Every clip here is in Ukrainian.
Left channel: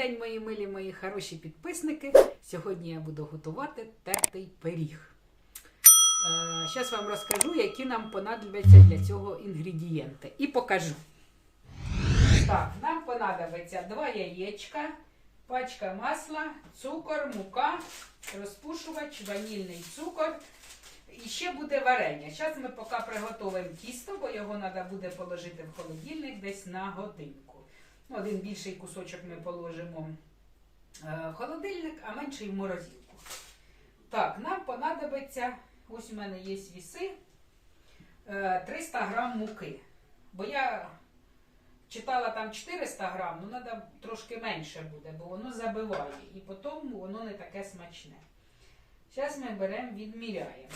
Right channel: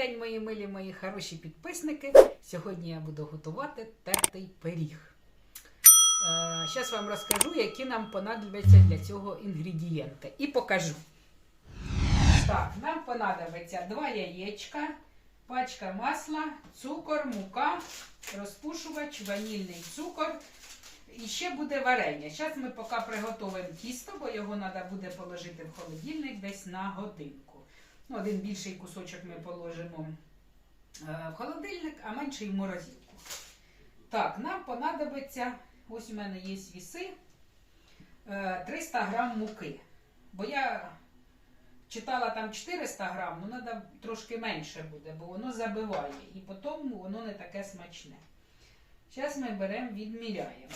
день, мої милі, мої хороші підписники. Сьогодні я буду готувати тертий пиріг. Зараз вам розкажу, які нам понадобляться для цього інгредієнти. І покажу. Так, нам понадобиться два яєчка, пачка масла, цукор, мука, розпушувач, ванільний цукор. І ще буде варення. Зараз ми поки приготуємо тісто, бо його треба буде положити в холодильник десь на годинку. Ну, один більший кусочок ми положимо е, в холодильник, а менший в морозилку. Так, нам понадобиться, ось у мене є віси, е, 300 грам муки. Бо я читала там 400 грам, ну треба трошки менше буде, бо воно забиває. І потім воно не таке смачне. Зараз ми беремо, відміряємо.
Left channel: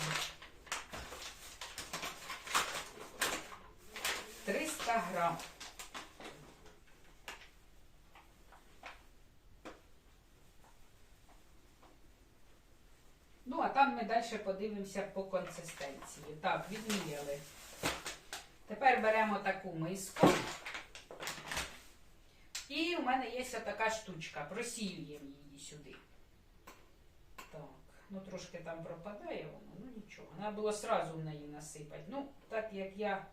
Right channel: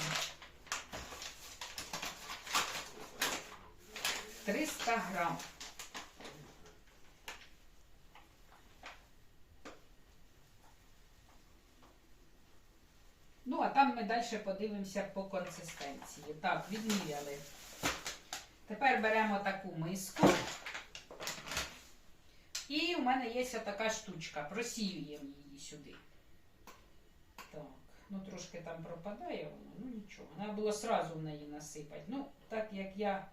300 грам. Ну, а там ми далі подивимося по консистенції. Так, відміряли. Тепер беремо таку миску. І у мене є така штучка. Просіюємо її сюди. Так, ну трошки там пропадає воно, ну нічого. Треба було сразу в неї насипати. Ну, так як я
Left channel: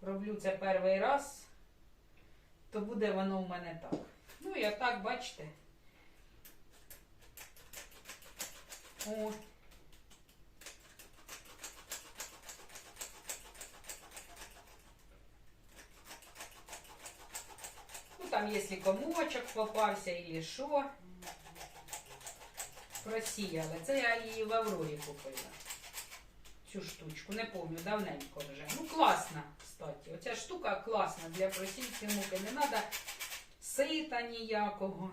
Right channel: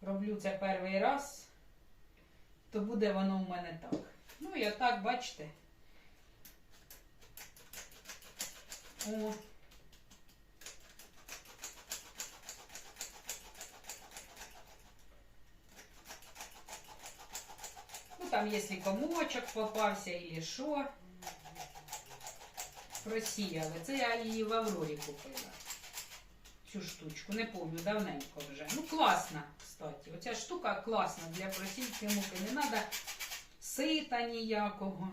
роблю це перший раз, то буде воно в мене так. Ну і отак, бачите. О. Ну, там, якщо комочок попався і що. Просіяли. Це я її в Аврорі купила. Цю штучку. Не пам'ятаю, давненько вже. Ну, класна, кстати. Оця штука класна для просійки муки. Не треба сита ніякого.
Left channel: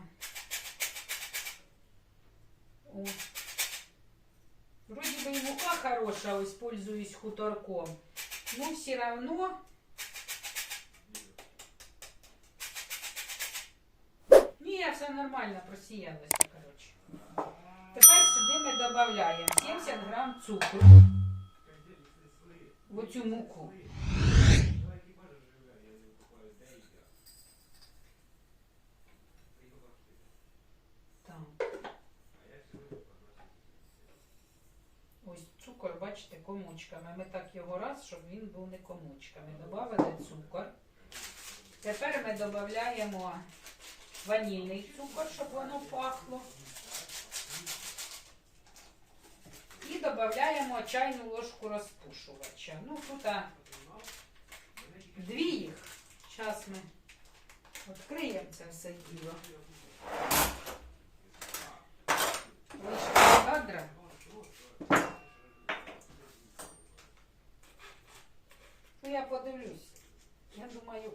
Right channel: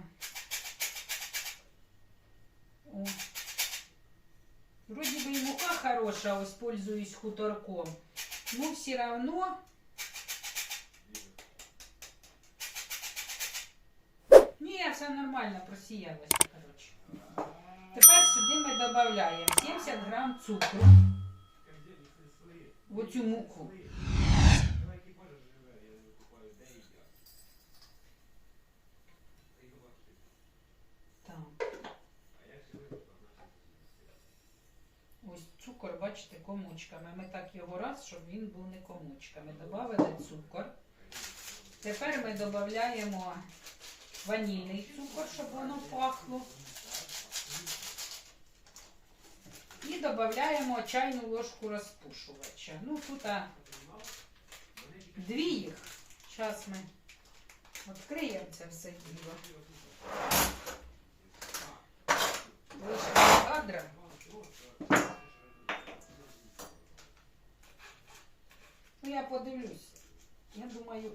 О. Вроді би і мука хороша, ось пользуюсь хуторком. Ну, все равно. Ні, все нормально, просіялося, коротше. Тепер сюди ми додаємо 70 грам цукру в оцю муку. Цукор, бачите, комочками. Ми так його раз, щоб він був не комочками. Добавили цукор. Тепер ми додаємо ванільний цукор, щоб воно пахло. І додаємо чайну ложку розпушувача. Ну, тут а, дві їх. Зараз ми відкриємо це все діло. Вийшли з кадра. Ну, я подивлюсь. Я думаю.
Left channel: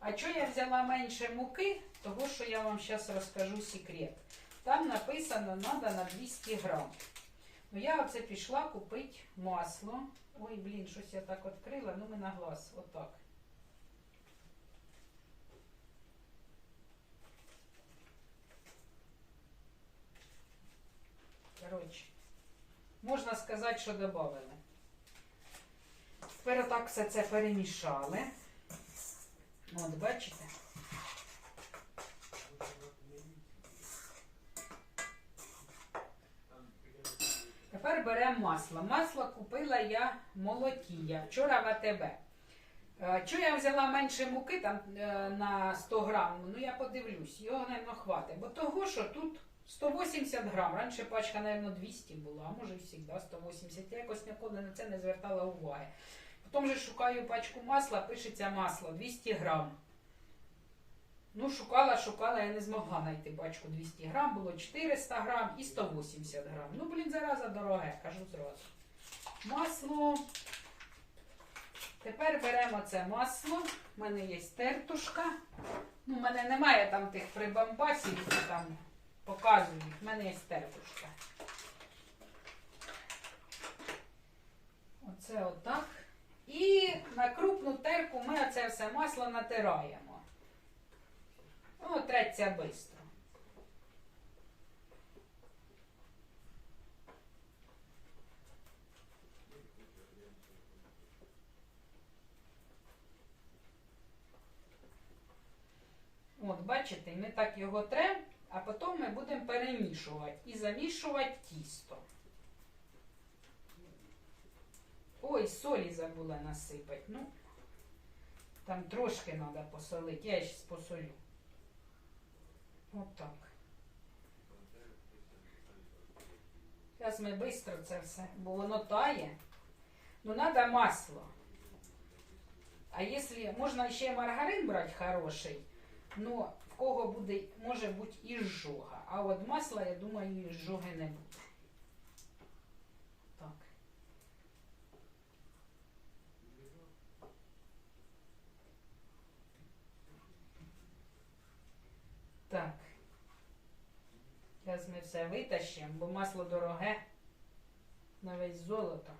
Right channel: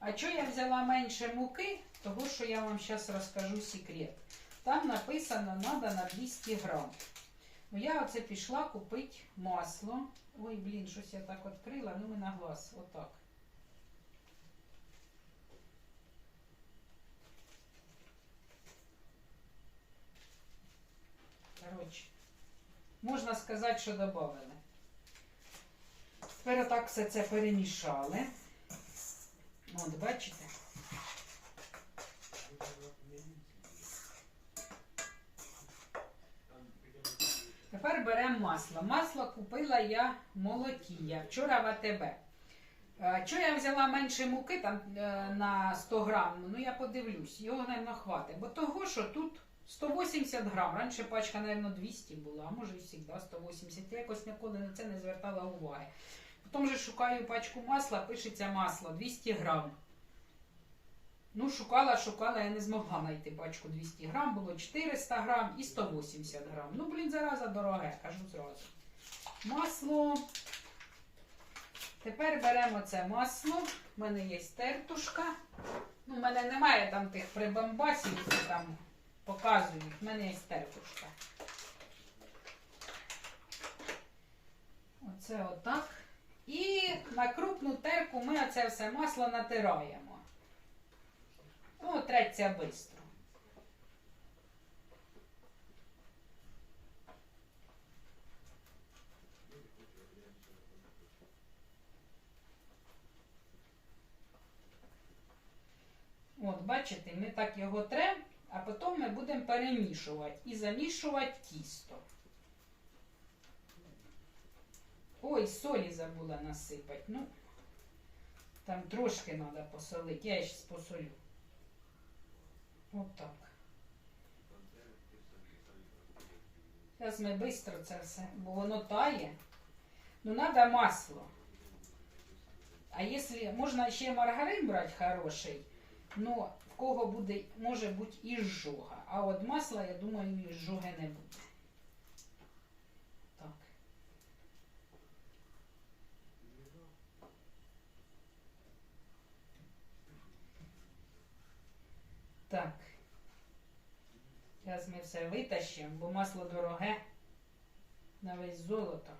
А чого я взяла менше муки? Того, що я вам зараз розкажу секрет. Там написано треба на 200 грам. Ну, я оце пішла купити масло. Ой, блін, щось я так відкрила, ну ми на глаз, отак. Коротше, можна сказати, що додали. Тепер отак все це перемішали. От, бачите? Тепер беремо масло. Масло купила я молотія. Вчора в АТБ. Е, Чого я взяла менше муки там е, на 100 грам? Ну я подивлюсь, його, мабуть, хватить. Бо того, що тут 180 грам. Раніше пачка, мабуть, 200 була, а може і завжди 180. Я якось ніколи на це не звертала уваги. Потім же шукаю пачку масла, пишеться масло 200 грам. Ну, шукала, шукала, я не змогла знайти пачку 200 грам, було 400 грам і 180 грам. Ну, блін, зараза дороге, кажу зразу. Масло. Тепер беремо це масло. У мене є тертушка. Ну, у мене немає там тих прибамбасів, які там показують. У мене є тертушка. Оце отак. І на крупну терку ми оце все масло натираємо. Ну, треться швидко. От, бачите. ми так його трем, а потім ми будемо перемішувати і замішувати тісто. Ой, солі забула насипати. Ну, там трошки треба посолити. Я ще посолю. Отак. Зараз ми швидко це все, бо воно тає. Ну, треба масло. А якщо можна ще маргарин брати хороший, но в кого буде, може бути і жога. А от масла, я думаю, і жоги не буде. Так. Так. Зараз ми все витащимо, бо масло дороге на весь золото.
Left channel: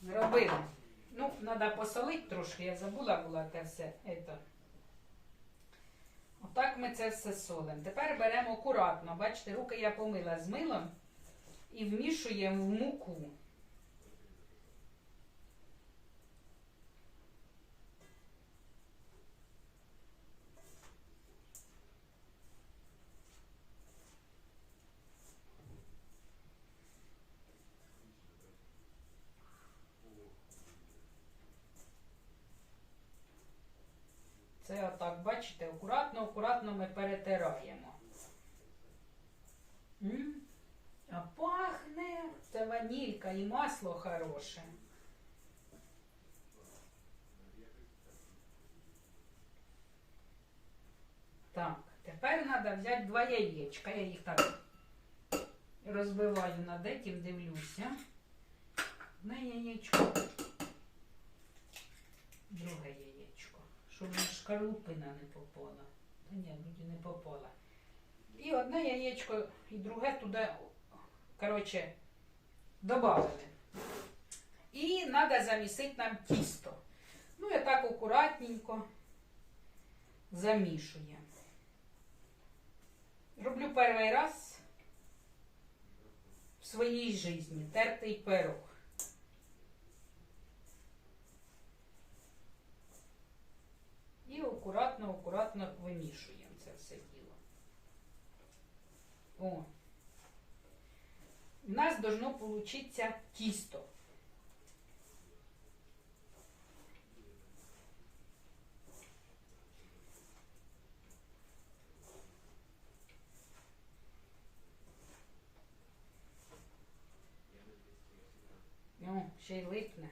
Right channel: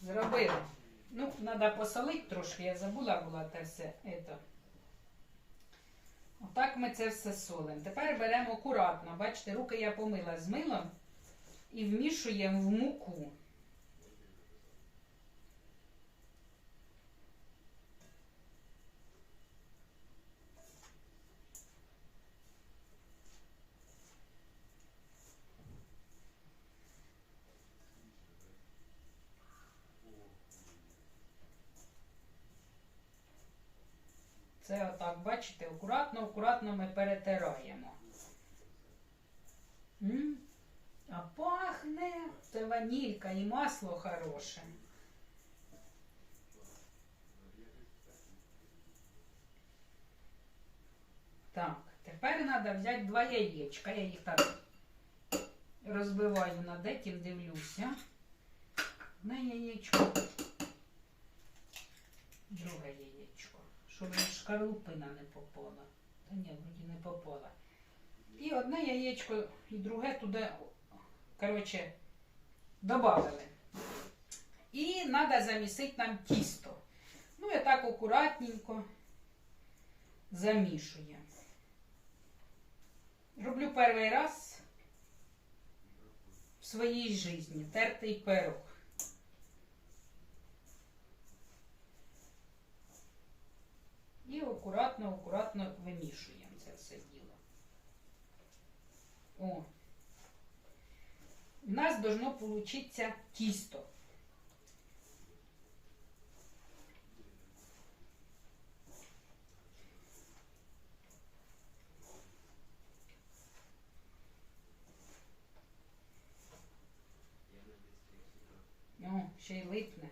Зробили. Ну, треба посолити трошки, я забула була те все. Ето. Отак ми це все солимо. Тепер беремо акуратно. Бачите, руки я помила з милом і вмішуємо в муку. Це отак, бачите, акуратно, акуратно ми перетираємо. М? А пахне. Це ванілька і масло хороше. Так, тепер треба взяти два яєчка. Я їх так розбиваю над этим, дивлюся. Одне яєчко. Друге яєчко. Щоб шкарлупина не попала. Та ні, вроді не попала. І одне яєчко, і друге туди, коротше, додали. І треба замісити нам тісто. Ну, і так акуратненько замішуємо. Роблю перший раз в своїй житті тертий пирог. І акуратно, акуратно вимішуємо це все діло. О. У нас должно получиться тісто. О, ще й липне.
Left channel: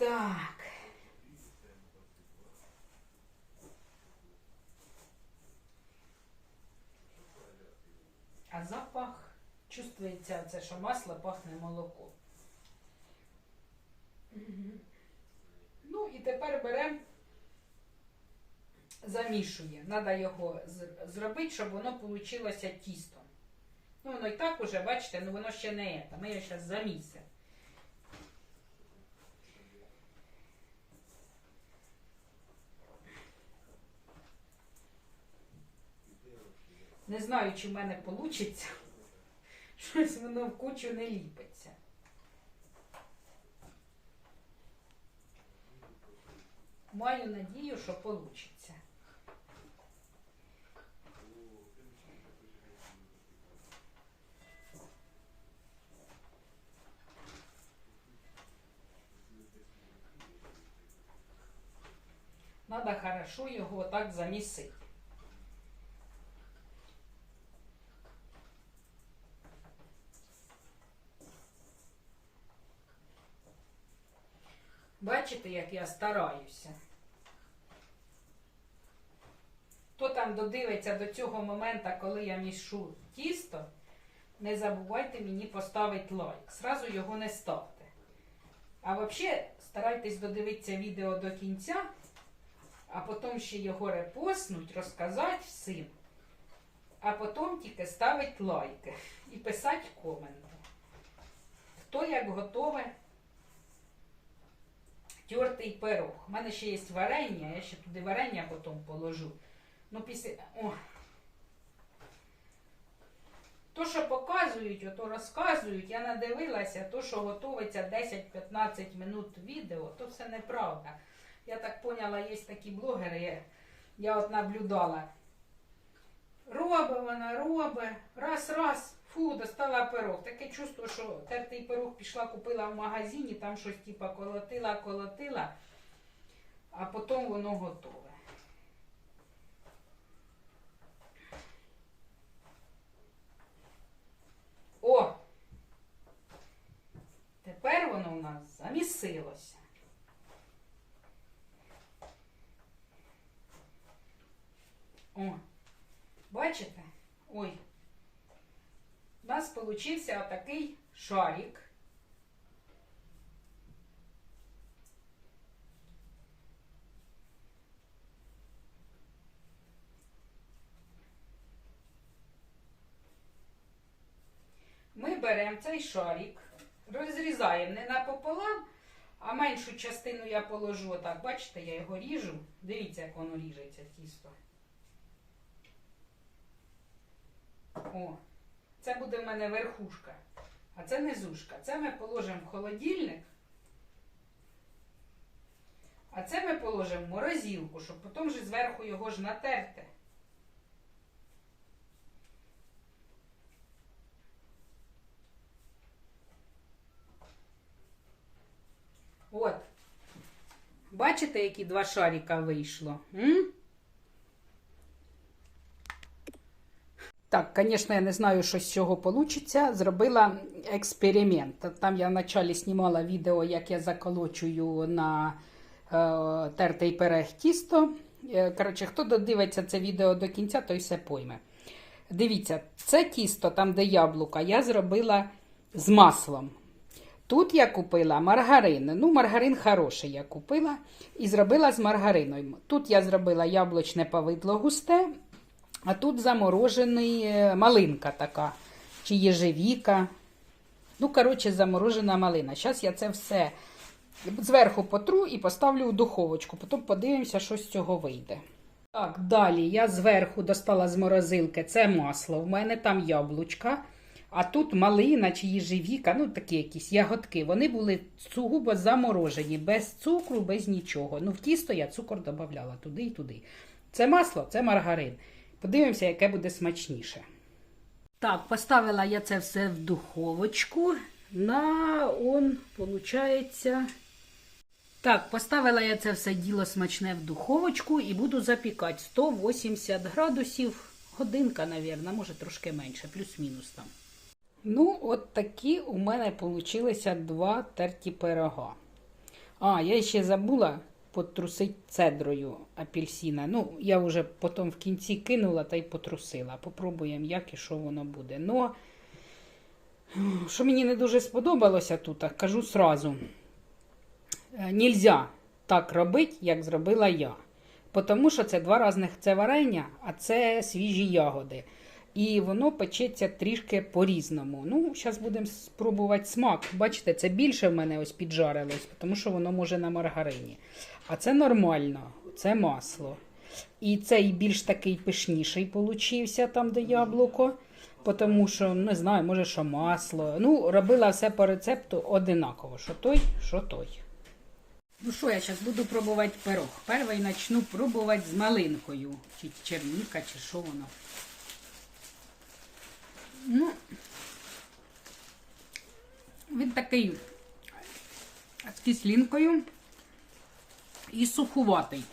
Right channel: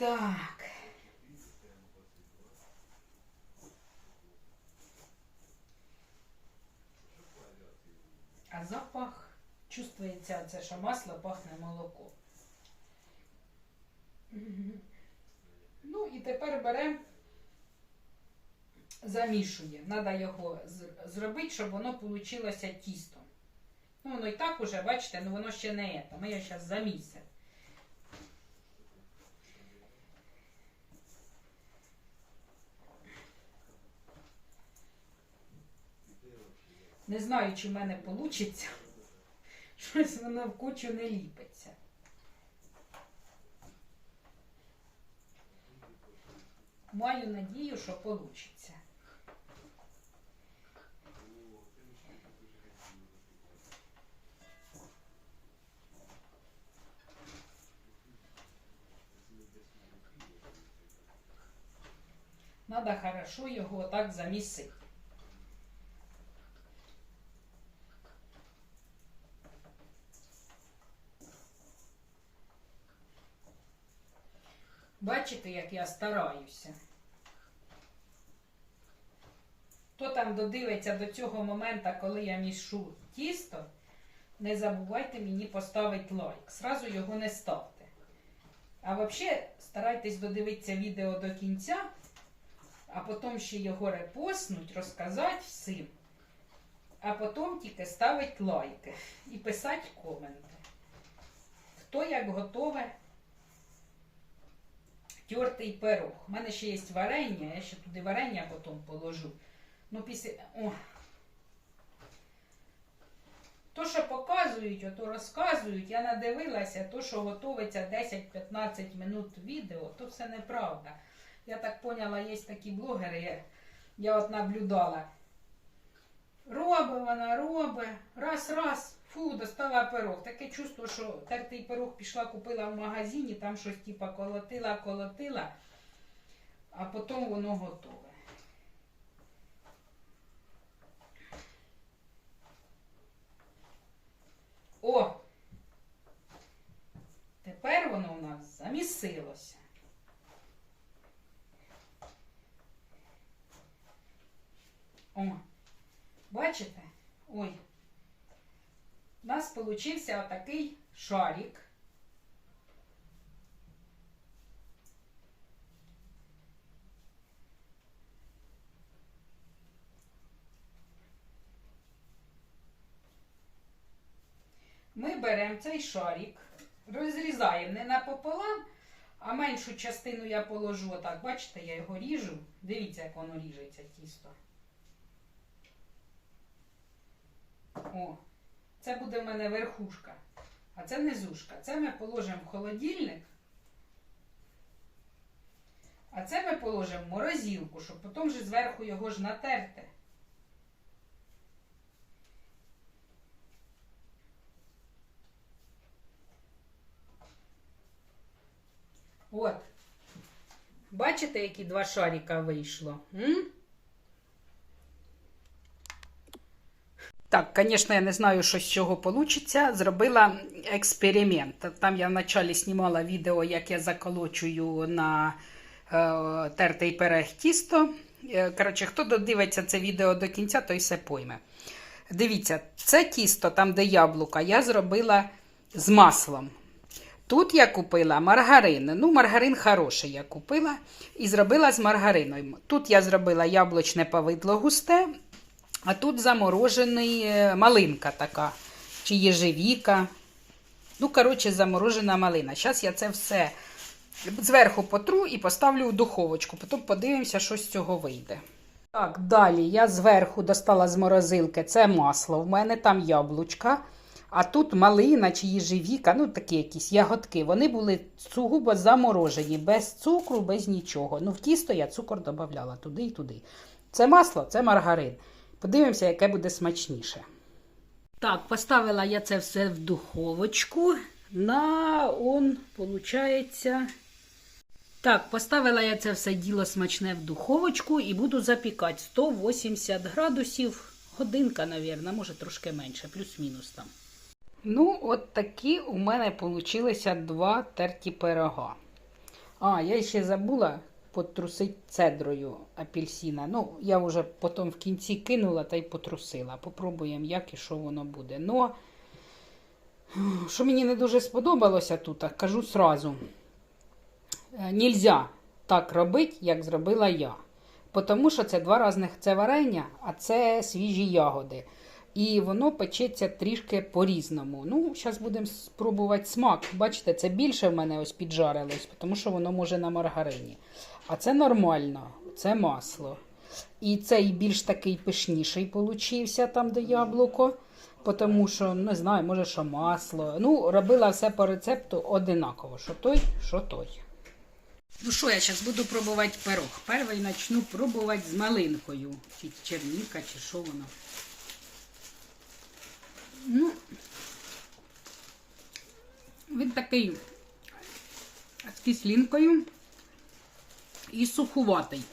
Так. А запах чувствується це, що масло пахне молоко. Ну і тепер беремо, замішує. Треба його зробити, щоб воно вийшло тісто. Ну, воно і так уже, бачите, ну воно ще не це. Ми його зараз замісимо. Не знаю, чи в мене вийде. Щось воно в кучу не ліпиться. Маю надію, що вийде. Надо хорошо його так замісити. Бачите, як я стараюся. Хто там додивиться до цього моменту, коли я мішу тісто, не забувайте мені поставити лайк. Сразу його не ставте. А взагалі старайтесь додивитися відео до кінця, а потім ще його репостнуть, розказати всім. А потім тільки ставити лайки і писати коменти. Хто як готове тертий пирог. У мене ще є варення, я ще туди варення потім положу. Ну, після. О. То, що показують, ото розказують, я надивилася, то, що готується 10-15 минут відео, то все неправда. я так поняла, є такі блогери, я, я от наблюдала. Робить вона, робить, раз, раз, фу, достала пирог. Таке чувство, що тертий пирог пішла, купила в магазині, там щось типа колотила, колотила, а потім воно готове. О! Тепер воно в нас замісилося. О, бачите? Ой. У нас получився отакий шарик. Ми беремо цей шарик, розрізаємо не напополам, а меншу частину я положу отак. Бачите, я його ріжу. Дивіться, як воно ріжеться тісто. О, це буде в мене верхушка, а це низушка. Це ми положимо в холодильник. А це ми положимо в морозилку, щоб потім вже зверху його ж натерти. От. Бачите, які два шарика вийшло? М? Так, звісно, я не знаю, що з цього вийде. Зробила експеримент. Там я вначалі знімала відео, як я заколочую на е, тертий перег тісто. Е, Коротше, хто додивиться це відео до кінця, той все пойме. Дивіться, це тісто, там, де яблука, я зробила з маслом. Тут я купила маргарин. Ну, маргарин хороший я купила і зробила з маргариною. Тут я зробила яблучне повидло густе, а тут заморожений е, малинка така, чи єжевіка. Ну, коротше, заморожена малина. Зараз я це все зверху потру і поставлю в духовочку. Потім подивимося, що з цього вийде. Так, далі я зверху достала з морозилки це масло. В мене там яблучка. А тут малина чи їжевіка, ну такі якісь ягодки. Вони були сугубо заморожені, без цукру, без нічого. Ну, в тісто я цукор додавала туди і туди. Це масло, це маргарин. Подивимося, яке буде смачніше. Так, поставила я це все в духовочку. На он, виходить. Так, поставила я це все діло смачне в духовочку і буду запікати 180 градусів. Годинка, мабуть, може трошки менше, плюс-мінус там. Ну, от такі у мене получилися два терті пирога. А, я ще забула потрусити цедрою апельсина. Ну, я вже потім в кінці кинула та й потрусила. Попробуємо, як і що воно буде. Ну, що мені не дуже сподобалося тут, кажу сразу. Е, Нельзя так робити, як зробила я. Тому що це два різних це варення, а це свіжі ягоди. І воно печеться трішки по-різному. Ну, зараз будемо спробувати смак. Бачите, це більше в мене ось піджарилось, тому що воно може на маргарині. А це нормально, це масло. І цей більш такий пишніший получився там, де яблуко. Тому що, не знаю, може, що масло. Ну, робила все по рецепту одинаково. Що той, що той. Ну що, я зараз буду пробувати пирог. Перший почну пробувати з малинкою. Чи черніка, чи що воно. Ну, він такий з кислинкою і сухуватий.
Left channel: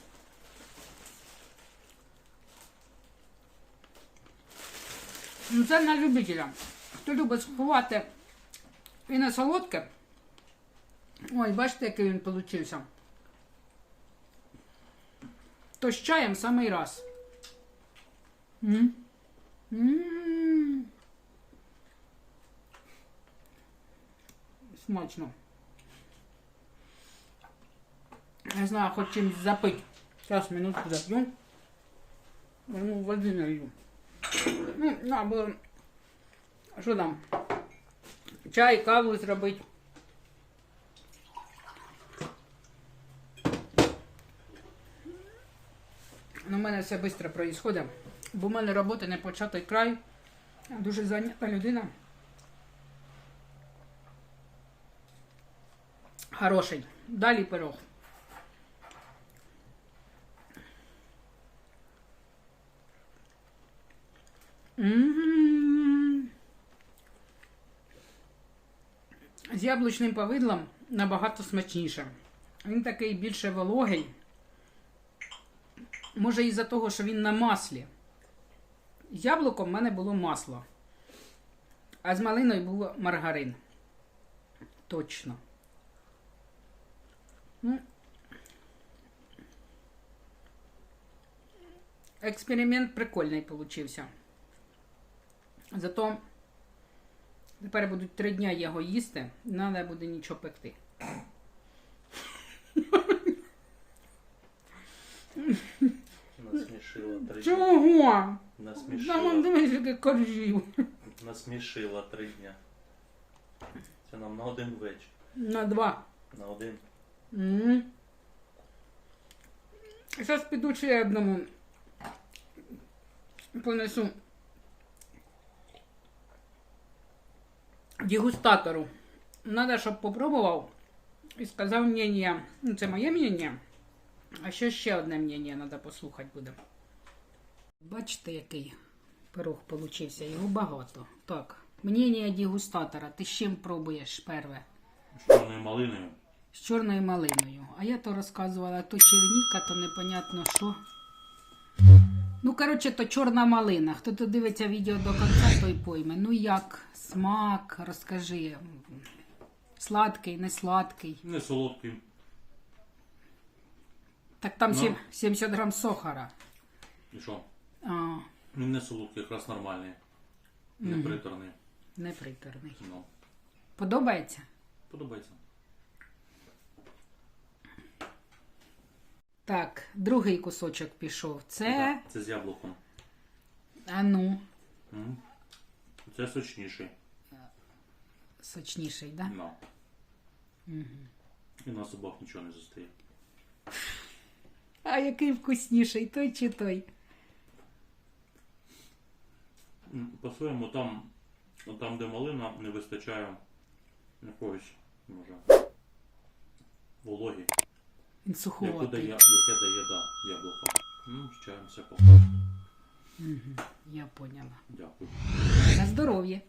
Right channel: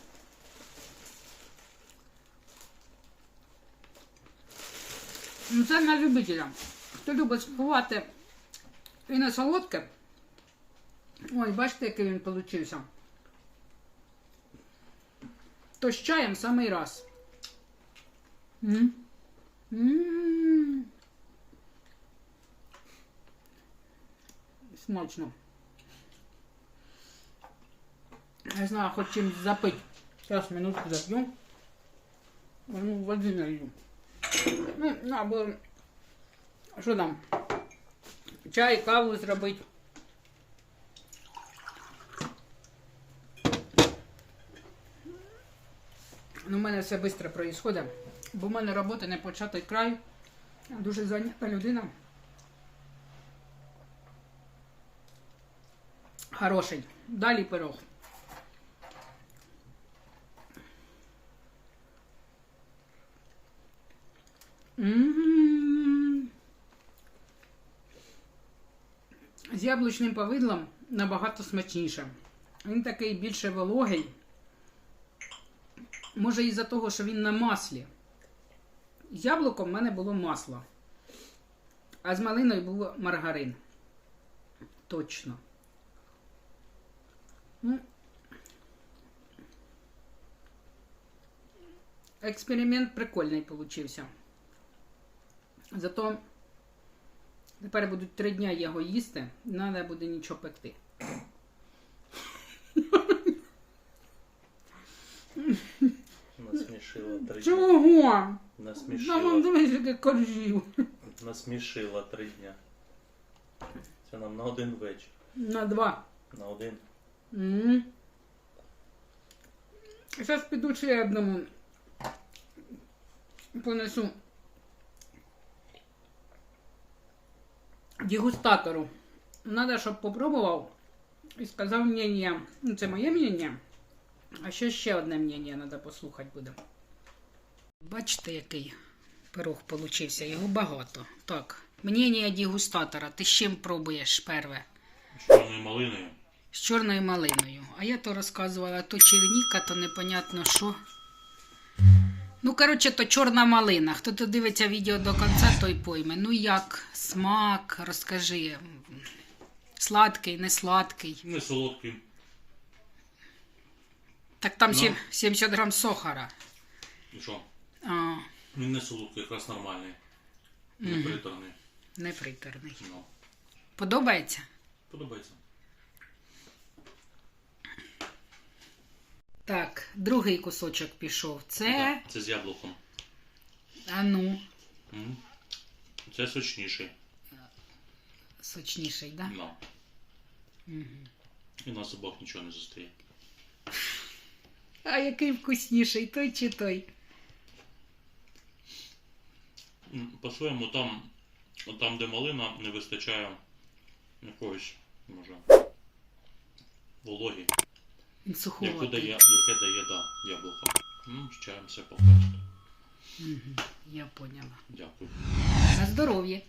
Ну, це на любителя. Хто любить сухувати і на солодке. Ой, бачите, який він получився. То з чаєм самий раз. М? М. Смачно. Не знаю, хоч чимось запити. Зараз минутку зап'ю. Возьму води налью. Ну, на, бо... Що там? Чай, каву зробити. Ну, у мене все швидко відбувається, бо в мене робота не початий край. Дуже зайнята людина. Хороший. Далі пирог. З яблучним повидлом набагато смачніше. Він такий більше вологий. Може, із-за того, що він на маслі. З яблуком в мене було масло. А з малиною був маргарин. Точно. Ну, експеримент прикольний получився. Зато тепер будуть три дня його їсти, не треба буде нічого пекти. Насмішила три дня. Чого? Насмішила. дивись, яке коржів. Насмішила три дня. Це нам на один вечір. На два. На один. М. Зараз піду ще одному понесу дегустатору. Надо, щоб попробував і сказав мнення. Ну, це моє мнення. А ще ще одне мнення треба послухати буде. Бачите, який пирог получився? Його багато. Так, мнення дегустатора. Ти з чим пробуєш перве? З чорною малиною. з чорною малиною. А я то розказувала, то черніка, то непонятно що. Ну, коротше, то чорна малина. Хто то дивиться відео до кінця, той пойме. Ну як, смак, розкажи. Сладкий, не сладкий. Не солодкий. Так там Ну. 70 грам сахара. І що? А, Він не солодкий, якраз нормальний. Не Мгм. не приторний. Ну. Подобається? Подобається. Так, другий кусочок пішов. Це. Да, це з яблуком. А ну, М. Це сочніший. сочніший, да? Ну. Угу. І на зубах нічого не зустріє. А який вкусніший, той чи той? М, По-своєму там, там, де малина, не вистачає якогось, може, вологі. Він Яку дає, яке дає, да, яблуко. Ну, з чаєм все покажете. Угу, я поняла. Дякую. На здоров'я.